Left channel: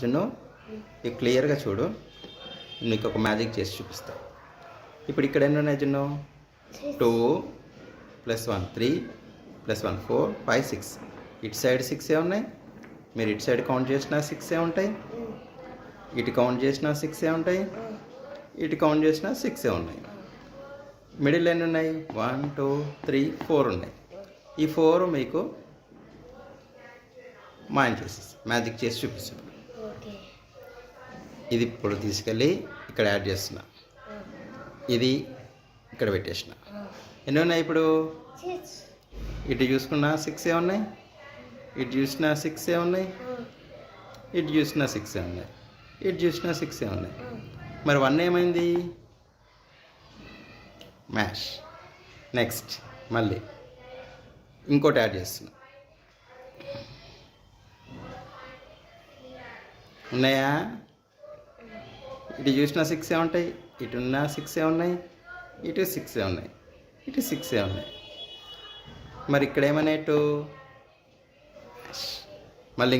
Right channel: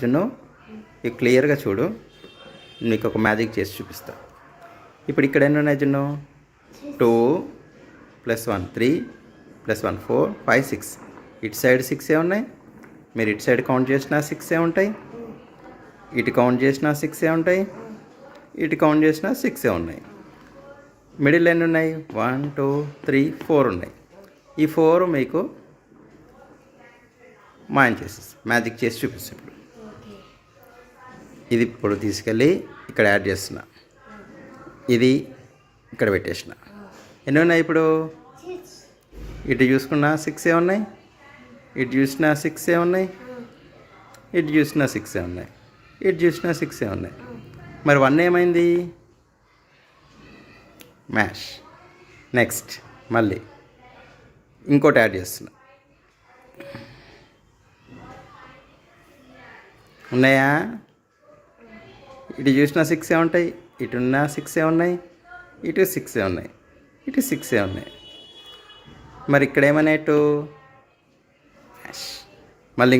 జున్ను ఇవి క్లియర్గా చూడు. నీకు ఒక మ్యాజిక్ చేసి చూపిస్తా. ఇప్పుడు ఇక్కడ ఎన్ని ఉన్నాయి జున్ను? 2 + 1 3 + 1 4 5 6. ఇటు సైడ్ 6 ఉన్నాయి. మీరు ఇటు సైడ్ కౌంట్ చేసినా 6 ఉంటాయి. ఇటు కౌంట్ చేసినా 6 ఉంటాయి. ఇటు కౌంట్ చేసినా 6 ఉన్నాయి. మిడిల్ ఎన్ని ఉన్నాయి? 1 2 3 4 ఉన్నాయి. ఈ 4 మీకు మాయం చేసేసి మ్యాజిక్ చేసి చూపిస్తాడు. ఇది ఇప్పుడు తీసుకెళ్ళి ఇక్కడ యాడ్ చేస్తున్నా. ఇది ఇక్కడ పెట్టేసిన. ఎన్ని ఉన్నాయి ఇప్పుడు? ఇటు చూసుకున్నా 6 ఉన్నాయి. ఇటు చూసినా 6 ఉన్నాయి. ఇటు చూసినా 6 ఉన్నాయి. ఇటు చూసినా 6 ఉన్నాయి. మరి 1 ఏమైంది? మ్యాష్. నెక్స్ట్ మళ్ళీ ఇంకోటి యాడ్ చేస్తున్నా. ఉన్నాయా? ఇటు చూసినా 6 ఉంటాయి. ఇటున్న 6 ఉన్నాయి. ఇటు 6 ఉన్నాయి. ఇటు 6 ఉన్నాయి. మరి ఇక్కడ ఏమనేటు? మ్యాష్. మళ్ళీ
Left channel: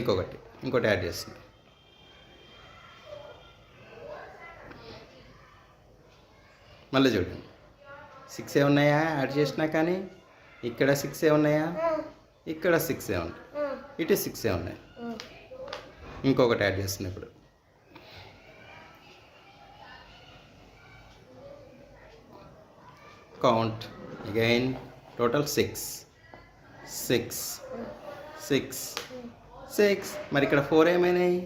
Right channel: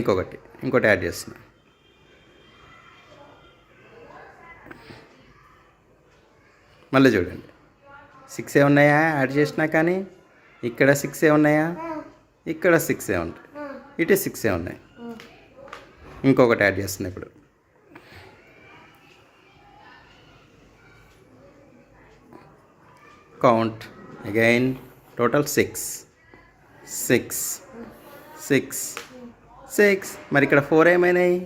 ఇంకోటి యాడ్ చేస్తున్నా. మళ్ళీ చూడండి, 6 ఉన్నాయా యాడ్ చేసినా? కానీ ఇక్కడ 6 ఉన్నాయా? ఇక్కడ 6 ఉంటాయి. ఇటు 6 ఉన్నాయి. ఇంకొకటి యాడ్ చేస్తున్నా. ఇప్పుడు కౌంట్ అగైన్. టోటల్ 6 6 6 6. మరి ఇక్కడ 4 ఏమైనాయి?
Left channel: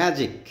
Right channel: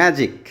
మ్యాజిక్.